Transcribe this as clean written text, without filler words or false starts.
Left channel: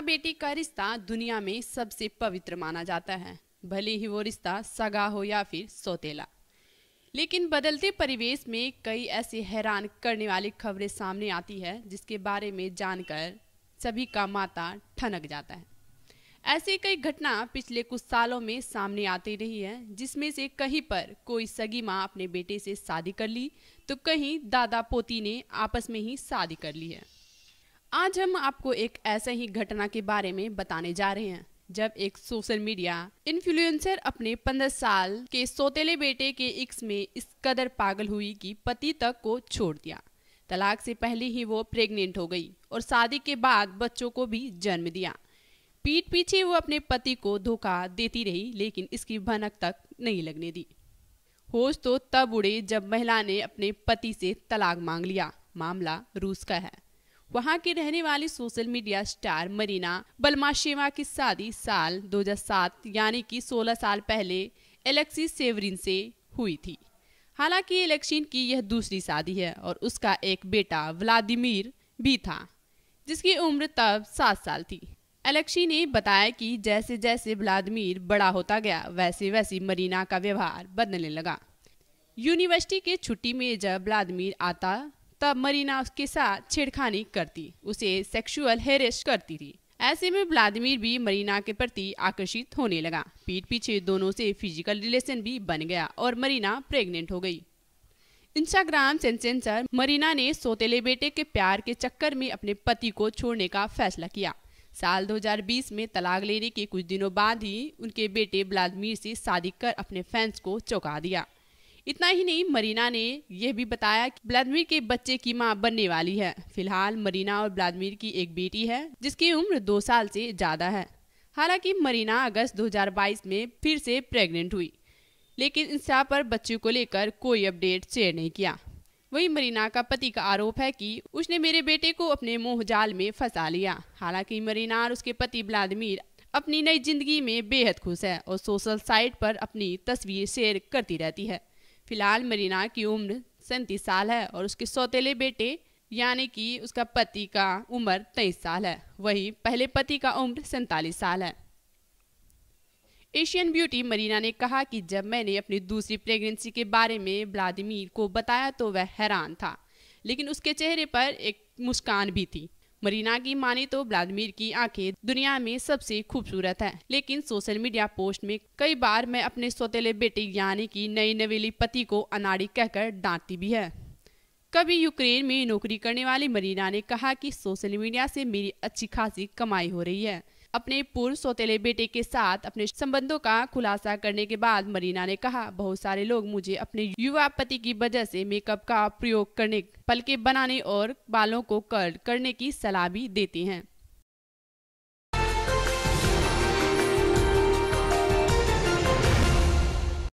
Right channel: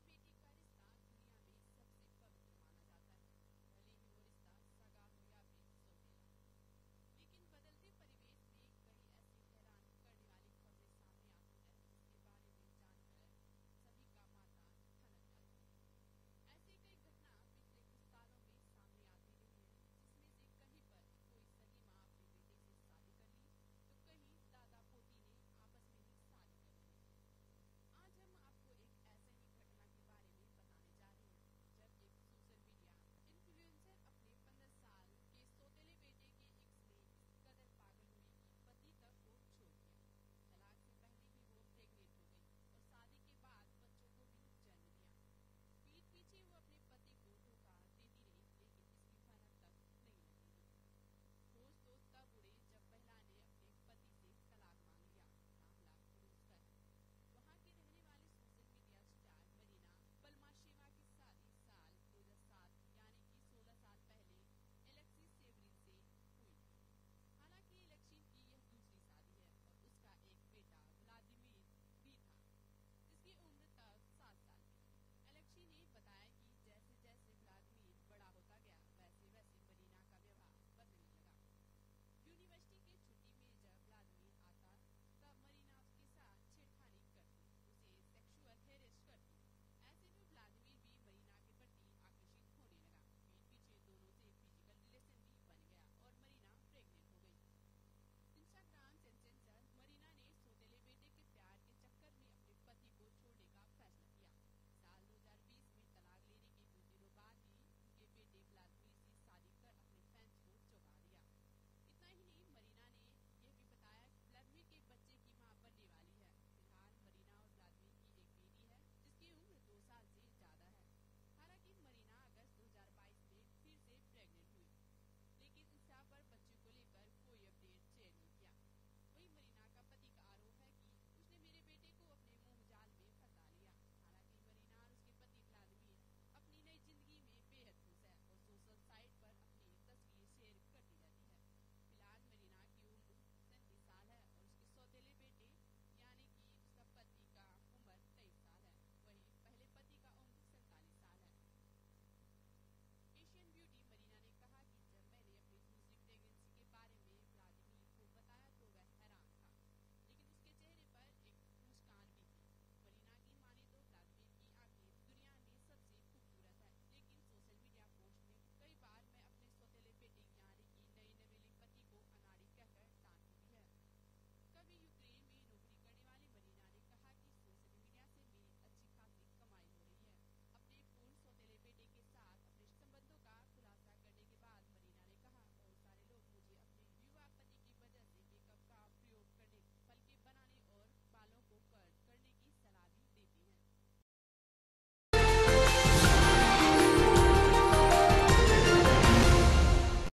माँ बेटी का रिश्ता दुनिया में सबसे पवित्र माना जाता है, भले ही वो रिश्ता सगा हो या फिर सौतेला। लेकिन बदलते परिवेश में कई ऐसी हैरान करने वाली खबरें सामने आती है जिसके बारे में जानकर सभी का माथा ठनक जाता है। ऐसी कई घटना पिछले कुछ सालों में सामने आती रही है, जिसमें से कहीं पर कोई सगी माँ अपने बेटे से शादी कर ली तो कहीं दादा पोती ने आपस में ही शादी कर ली है। आज हम आपको एक ऐसे ही घटना के बारे में बताने जा रहे हैं जब एक सोशल मीडिया इन्फ्लुएंसर अपने 15 साल के सौतेले बेटे के इश्क में इस कदर पागल हुई कि पति तक को छोड़ दिया। तलाक से पहले ही वो प्रेग्नेंट हो गई और शादी के बाद बच्चों को भी जन्म दिया। पीठ पीछे वो अपने पति को धोखा देती रही, लेकिन इसकी भनक तक नहीं लगने दी। होश तो तब उड़े जब महिला ने अपने पति से तलाक मांग लिया। मामला रूस का है। वहां की रहने वाली सोशल मीडिया स्टार मरीना बलमाशेवा की शादी साल 2007 यानी कि 16 साल पहले एलेक्सी सेवरिन से हुई थी। हालांकि एलेक्सी की यह दूसरी शादी है और उसका एक बेटा व्लादिमीर भी था, जिसकी उम्र तब 7 साल थी। एलेक्सी ने बताया कि जैसे जैसे व्लादिमीर बड़ा होता गया वैसे वैसे मरीना का व्यवहार बदलने लगा। यूनिवर्सिटी के छुट्टी में जब व्लादिमीर आता तब मरीना उसके साथ छेड़खानी करती, उसे सेक्सुअल हेरेस करती थी। ऐसे में व्लादिमीर भी मरीना के प्रति आकर्षित होने लगा। पीठ पीछे दोनों से फिजिकल रिलेशन भी बन गया और मरीना प्रेग्नेंट हो गई। इंस्टाग्राम सेंसेटर मरीना ने सौतेले बेटे के प्यार के चक्कर में अपने पति को छोड़ने का फैसला किया। साल 2020 में तलाक लेने के कुछ दिनों बाद ही उनके बेटे व्लादिमीर से शादी कर अपने फैंस को चौंका दिया। इतना ही नहीं, मरीना ने यह भी बताया कि व्लादिमीर के बच्चे की मां बनने वाली है। फिलहाल मरीना और व्लादिमीर की एक बेटी है जिसकी उम्र 2 साल से ज्यादा है। हालांकि मरीना अगस्त 2022 में फिर से प्रेग्नेंट हुई, लेकिन इंस्टा पर बच्चे को लेकर कोई अपडेट शेयर नहीं किया। वहीं मरीना का पति का आरोप है कि उसने मेरे बेटे को अपने मोह जाल में फंसा लिया। हालांकि मरीना और उसके पति व्लादिमीर अपनी नई जिंदगी में बेहद खुश है और सोशल साइट पर अपनी तस्वीर शेयर करती रहती है। फिलहाल मरीना की उम्र 37 साल है और उसके सौतेले बेटे यानी कि उसका पति का उम्र 23 साल है। वहीं पहले पति का उम्र 47 साल है। एशियन ब्यूटी मरीना ने कहा कि जब मैंने अपनी दूसरी प्रेगनेंसी के बारे में व्लादिमीर को बताया तो वह हैरान था, लेकिन उसके चेहरे पर एक मुस्कान भी थी। मरीना की माने तो व्लादिमीर की आंखें दुनिया में सबसे खूबसूरत है, लेकिन सोशल मीडिया पोस्ट में कई बार मैं अपने सौतेले बेटे यानी कि नई नवेली पति को अनाड़ी कहकर डांटती भी है। कभी यूक्रेन में नौकरी करने वाली मरीना ने कहा कि सोशल मीडिया से मेरी अच्छी खासी कमाई हो रही है। अपने पूर्व सौतेले बेटे के साथ अपने संबंधों का खुलासा करने के बाद मरीना ने कहा, बहुत सारे लोग मुझे अपने युवा पति की वजह से मेकअप का प्रयोग करने, पलके बनाने और बालों को कर्ल करने की सलाह भी देते हैं।